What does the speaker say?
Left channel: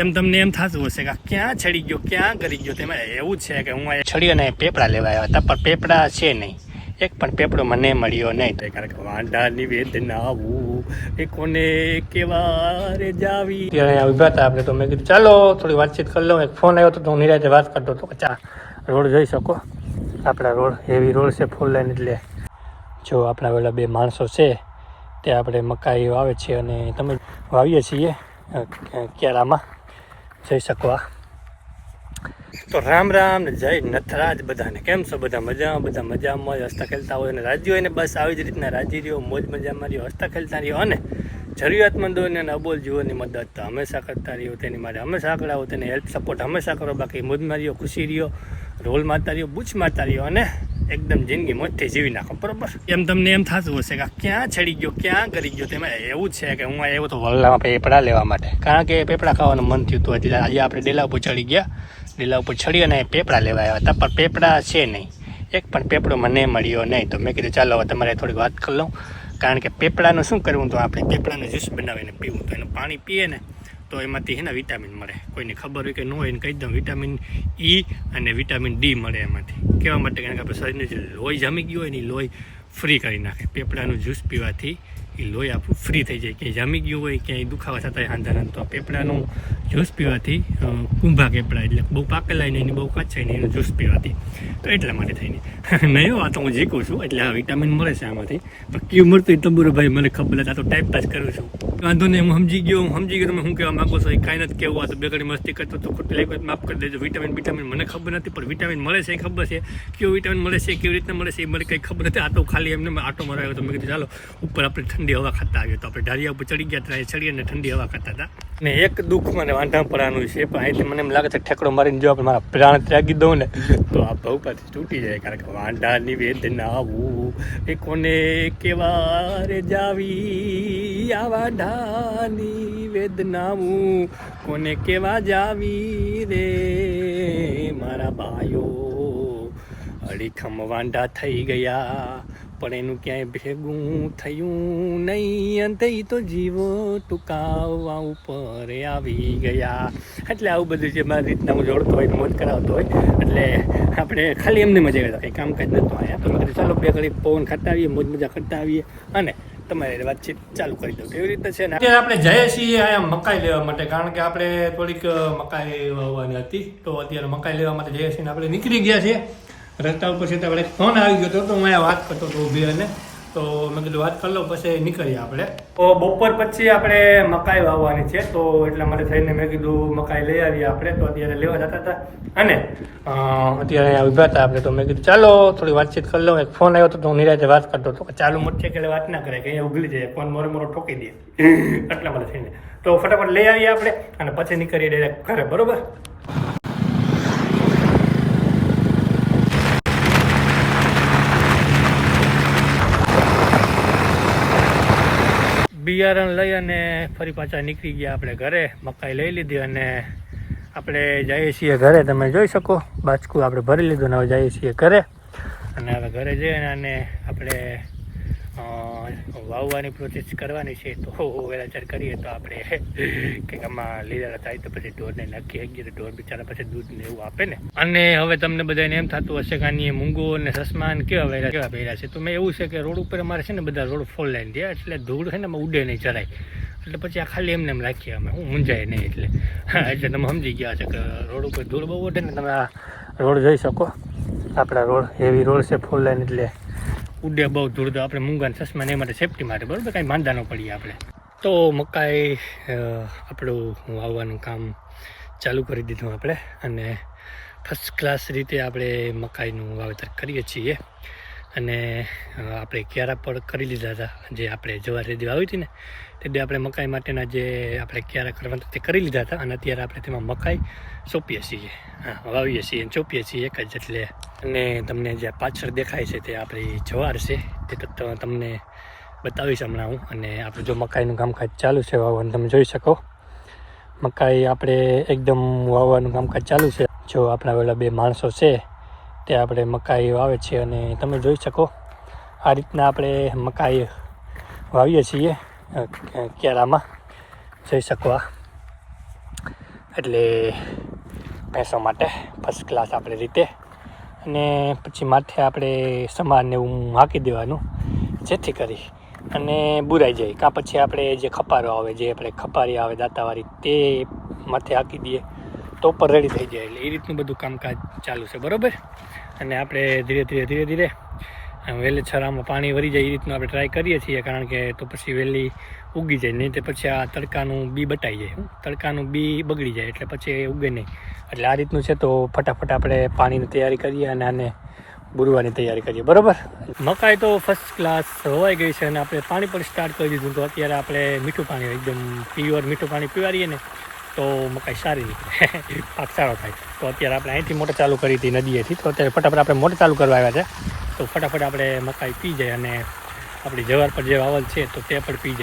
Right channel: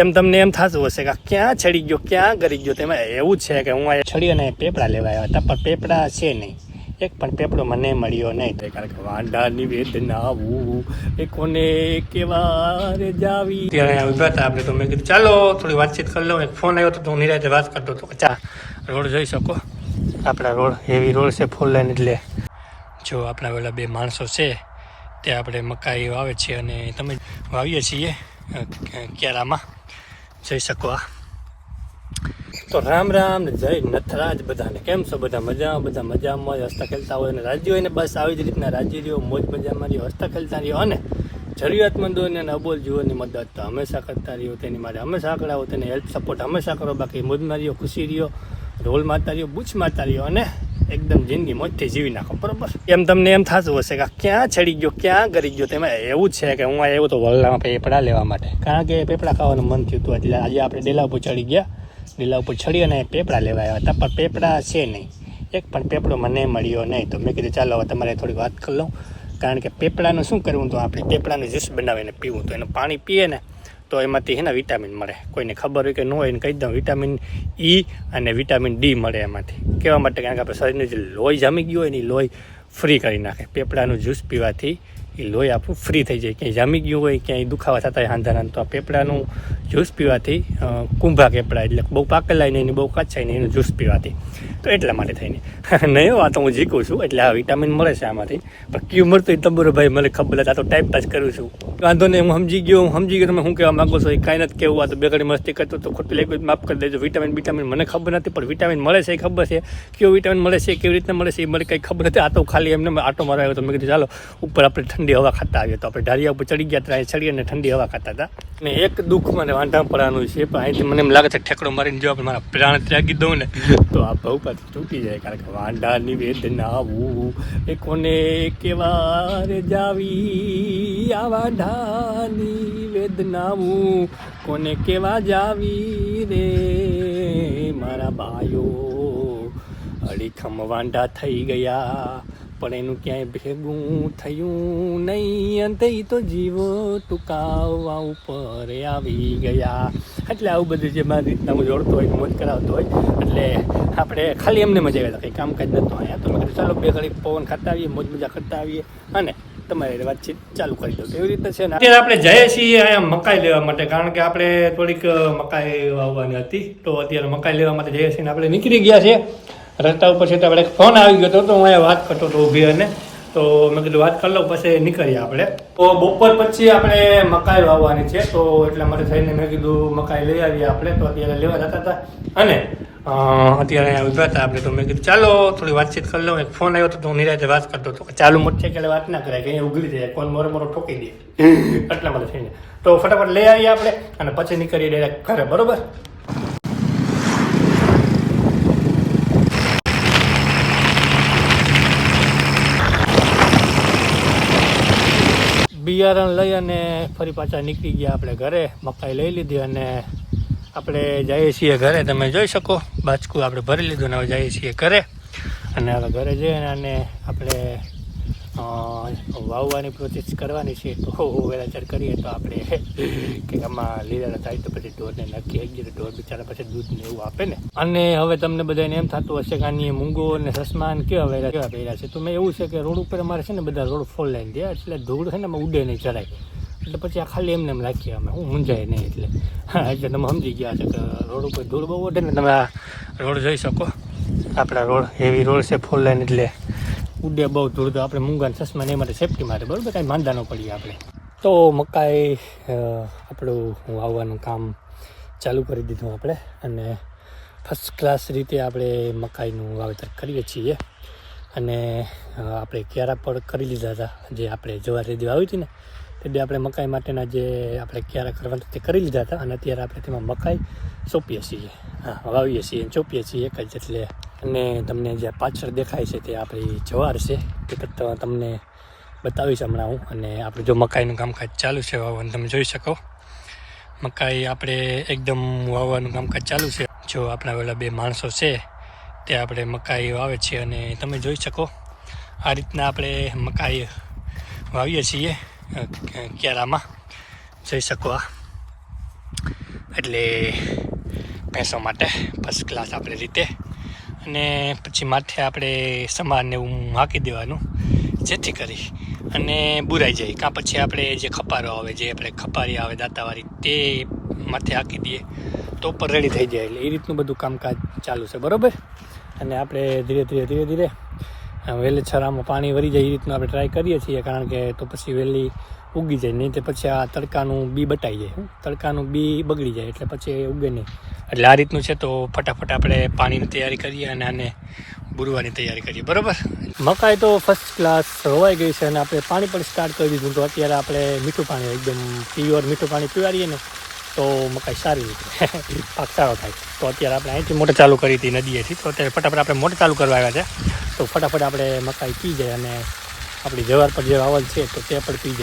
એમ તમને એમ થતું હશે કે ક્યાં છડી ગયો, ક્યાં કરી ગયો. તેમાં એવું છે કે હું અહીંયા છડી અને પેપડા લેવા આવ્યા હતા, પણ પેપડા છે નહીં. એક પણ પેપડો મને મળ્યો નહીં. કારણ કે વાંઢાની વેદના આવું એ કોને કેવા રે જાવી. ત્યારે ઉભા હતા આપણે, તો મેં કીધું ચાલો થોડી વાતચીત કરી લઉં. એક ફોન આવ્યો હતો તો હું નિરાતે વાત કરતો હતો. ચા રોડ જોઈ શકો, આપણા રોડ હેવી રોડ છે, ફોર લાઈન. એટલે જો આપણા પેલા બે માણસો છે તે આપણે મકાઈ વાવે છે અને તમે વાવીએ છીએ કેરામાં જઈ શકો. તો રામ રામ ને જય નથરાજ બધાને. કેમ છો બધા? મજા બધા મજામાં હસતા ખેલતા હોય અને રાજી હોય ને બસ આવી જ રીતના રાજી રહ્યો, મોજ મજામાં રહ્યો, હસતા ખેલતા રહ્યો અને જરૂરિયાતમંદોને અને અબોલ જીવોની મદદ તો હંમેશા કરતા રહ્યો. તેની માટે હંમેશા કરાવો, તેને હેલ્પ સપોર્ટ હંમેશા કરો. બાકી મોજમાં રહ્યો, ખુશી રહ્યો, રોલ મારતા રહ્યો, બૂચ મારતા રહ્યો અને એકદમ જિંદગી મોજથી જીવી નાખો. બરોબર? એમ તમને એમ થતું હશે કે ક્યાં છડી ગયો, ક્યાં કરી ગયો. તેમાં એવું છે કે હું આવ્યો તો વલ્લામાં પેપડા લેવા માટે, કારણ કે પેપડા ખાવાનું મન થયું હતું. એટલે આજે આપણે ડેલા ઉપર ચડી ગયા. ડેલા ઉપર ચડી અને પેપડા લેવા આવ્યા હતા, પણ પેપડા છે નહીં. એક પણ પેપડો મને મળ્યો નહીં. તો મેં કીધું ચાલો હવે તમારે થોડીક વાત કરી લઉં. કારણ કે પેપડાનું શું કરવું, તો આપણે પેપડાનું જ્યુસ બનાવીને પીવું. તો એનું પાણી પીએ ને તો એમાંથી એના વિટામિન મળે. કોઈને ખબર હોય કે ન હોય એને કહી દઉં, વિટામિન ઈ અને વિટામિન ડી મળે એમાંથી. કહેવા માટે કારણ કે આપણે શરીરનું જે લોહી જામી ગયું હોય ને એ લોહી ફ્રી કરી નાખે. પેપડાનું જ્યુસ પીવાથી એ લોહી આપણું ફ્રી થઈ જાય. ક્યાંય જામી ગયું હોય, ક્યાંય દુખાવા થતા હોય હાંધાના, તો આ પેપડાનું જ્યુસ પીવાથી, કુંભા પેપડા એટલે બહુ પાકેલાય નહીં, બહુ કાચાય નહીં, એનું જ્યુસ પીવાથી. તો એટલા માટે થઈને નહીં, આ તો હું જીકું છું. એટલે આ વિટામિન મળે છે આમાંથી. પણ કયું મળતું એ તંબુરો ભાઈ મને ખબર નથી. આ તો ટાઈપ પાસ કરું છું. વાંધો નહીં, હું સમજી ગયો. તમે શું કહેવા માગો છો એ કાંઈ નથી કહેવું. આ તો બેગડી મસ્તી કરતો તો ખોટું લેખું માફ કરી દેજો. વિટામિન મને ખબર નથી, પણ વિટામિન મળે છે એ ખબર છે. કયો વિટામિન મળે છે, કેવી રીતના મળે છે એ મને કંઈ ખબર નથી. આ તો ખાલી એમને આટો મારો આવ્યો. તો મેં કીધું ચાલો ઉપર આપણે ઠંડી હવા ખાતા આવ્યો. તો આપણે ઢાળિયા ઉપર ચડી ગયા, ત્યાં ચડી અને ઠંડી હવા ખાતા હતા. અને એક દુઃખ મને વાંધા પડવાનું છે, પણ અહીંથી મને એમ લાગે છે ઠેકડો મારીને જો આપણે મારા પ્રાણ ત્યાગી દઉં ને તો આ ભવપાથી તૂટી જાય. કારણ કે વાંઢાની વેદના આવું એ કોને કેવા રે જાવી. આ વાંઢાની વેદનાવું કોને કેવા જાવી રે મારા ભાઈઓ. અડીખમ વાંઢા થઈ ગયા, પણ એનું ક્યાંય ભેગું થયું નહીં. અંતે તો જીવો ટૂંકાવવા ઉપર આવી ગયા. એટલે આવું બધું જે મારી રીતના હું જોડતો હોય, મોજ કરાવતો હોય. એટલે આપણે ખાલી એમને મજા કરતા, કંઈ કામકાજ નહોતો આવ્યા. તો બધું ચાલો બે ઘડી પવન ખાતા આવીએ, મોજ મજા કરતા આવીએ અને તમારે વાતચીત ચાલુ કરી દઉં. એવી રીતે છે ને અત્યારે આપણે જઈએ છીએ અહીંયા મકાઈ લેવા માટે, કારણ કે આપણે થોડીક મકાઈ વાવવાની હતી. તો અત્યારે મકાઈ લેવા માટે જઈએ છીએ ને આપણે નીકળી ગયા છીએ. રસ્તા ઉપર છે તો આપણે ફોન આવી ગયો હતો, તો હું અહીંયા વાત કરતો હતો ઊભી અને તો મેં કીધું વાત કરી લઉં પછી નીકળીએ આપણે. તો બપોર પછી આપણે મકાઈ વાવવાની છે, તો એટલા માટે થઈને મેં કીધું મકાઈ લઈ આવીએ આપણે. તો અત્યારે લેવા જતા હતા અને અત્યારે અહીંયા ઊભા હતા આપણે. તો મેં કીધું ચાલો થોડી વાતચીત કરી લઉં. એક ફોન આવ્યો હતો તો હું નિરાતે વાત કરતો હતો. ચાલુ મોટી એટલે વાત ના કરાય, કે અહીંયા ઉગલી જાય, ફોન મોરો ઠોકી દે. એટલા માટે થઈને તો ફટાફટ લઈ આવીએ આપણે અને પછી નીકળીએ ડાયરેક્ટ ઘરે. બરોબર? બિયારણ લઈ અને ફરી પાછા નીકળી ગયા આપણે ઘરે. મકાઈ લઈ લીધી અને આપણે જઈએ છીએ ઘરે. તમે જોઈ શકો બાચકું આપણે ભરી લીધું ને હવે જઈએ છીએ ઘરે. અને હવે ઘરે જઈને અને આપણે વાવવાની પ્રોસેસ કરવાની છે. તો વેલાચાર કરીએ તો આપણે કંઈક આમાં લીલા થાય તો પછી ઢોરને નાખી શકીએ. તો ઢોર બિચારા પછી દૂધ ને એવું આપે ને. અને હવે તમને બધાને એમ થતું હશે કે આની મૂંગો અને સસમાન કેવા પહેર્યા છે. તો મેં એવું છે કે રોડ ઉપર અમારે છે ને બધા રોડ ફોર લાઈન થયા, એટલે ધૂળ છે ને અમે ઉડે નહીં જરાય. એટલે પછી આ ખાલી એમને એમ રાખીએ અમે, હું મૂંઝાય નહીં. એટલે હા, એટલે તમે સમજી ગયા છે કે રોડ ઉપર ધૂળ બહુ ઉડે ને. તમે આ રોડ જોઈ શકો, આપણા રોડ હેવી રોડ છે, ફોર લાઈન. એટલે ઉડે બહુ ધૂળ. તો આપણે મૂંગા ચશ્મા એ માટે સેફટી માટે, બરાબર, કાંઈ માંદા ન પડીએ આપણે. તો મકાઈ આપણું વાવવાનું કામ ચાલુ કરી દીધું આપણે અને ફર્સ્ટ ક્લાસ રીતે આપણે મકાઈનું વાવેતર કરીએ છીએ. અને આપણે ક્યારા પણ કરી લીધા હતા. જે આપણે જવાર રેદી વાવી હતી ને તે આપણે મકાઈ માટેના જે આપણે ક્યારા કરવાના તે કરી લીધા હતા. અને અત્યારે આપણે તેમાં મકાઈ સોંપીએ છીએ, વાવીએ છીએ અને ચોપીએ છીએ એક જ. એટલે અને તમને જે પાછળ દેખાય છે તે આપણી જવાર છે, તે તો તમને બતાવીશ હમણાં હું. અને આપણે જો મકાઈનું કામકાજ ચાલુ છે વાવવાનું, તમે જોઈ શકો મકાઈ આપણે એકદમ વાવવાનું કામકાજ ચાલુ છે. જો આપણા પેલા બે માણસો છે તે આપણે મકાઈ વાવે છે અને તમે જોઈ શકો આ રીતના આપણે મકાઈ વાવીએ છીએ ક્યારામાં. જોઈ શકો એટલે ભેંસો માટે ફર્સ્ટ ક્લાસ આપણે રીતે. અને પછી માથે આપણે સમારને એવું હાંકી દેવાનું જેથી કરી અને બુરાઈ જાય. કાં પછી આપણે જે ખપારો આવે, જે આપણે ખપારી આવે દાંતાવાળી, તે માથે હાંકી દઈએ તો ઉપર રેડી થઈ જાય. એટલે એ રીતનું બધું કામકાજ ચાલુ છે, બરાબર. અને આપણે ધીરે ધીરે વહેલેસર આમાં પાણી વળી જાય એ રીતનું આપણે ટ્રાય કરીએ છીએ, કારણ કે તો પછી વહેલી ઉગી જાય. નહીં તો પછી આ તડકાનું બી બટાઈ જાય, તડકાનું બી બગડી જાય એટલે પછી એ ઉગે નહીં. એટલે આ રીતનું છે. તો ફટાફટ આપણે પાણીની તૈયારી કરીએ અને આને બુરવાની તૈયારી કરીએ, બરાબર. મકાઈ તો ફર્સ્ટ ક્લાસ હોવાઈ ગઈ છે અને આપણે પાણી પણ સ્ટાર્ટ કરી દીધું. તો અત્યારે આપણે મીઠું પાણી, એકદમ પ્યોર મીઠું પાણી પીવાડીએ ને તો મકાઈ સારી નીકળે, પાક સારો થાય. તો અત્યારે આપણે અહીંથી મોટર ચાલુ કરી હતી નદીએથી, તો અત્યારે ફટાફટ આપણે મોટર ચાલુ કરવા આવ્યા છે. તો ફટાફટ આપણે મકાઈ પી જાય અને આપણી જવાર પર જે વાવલ છે તો તે પણ પી જાય.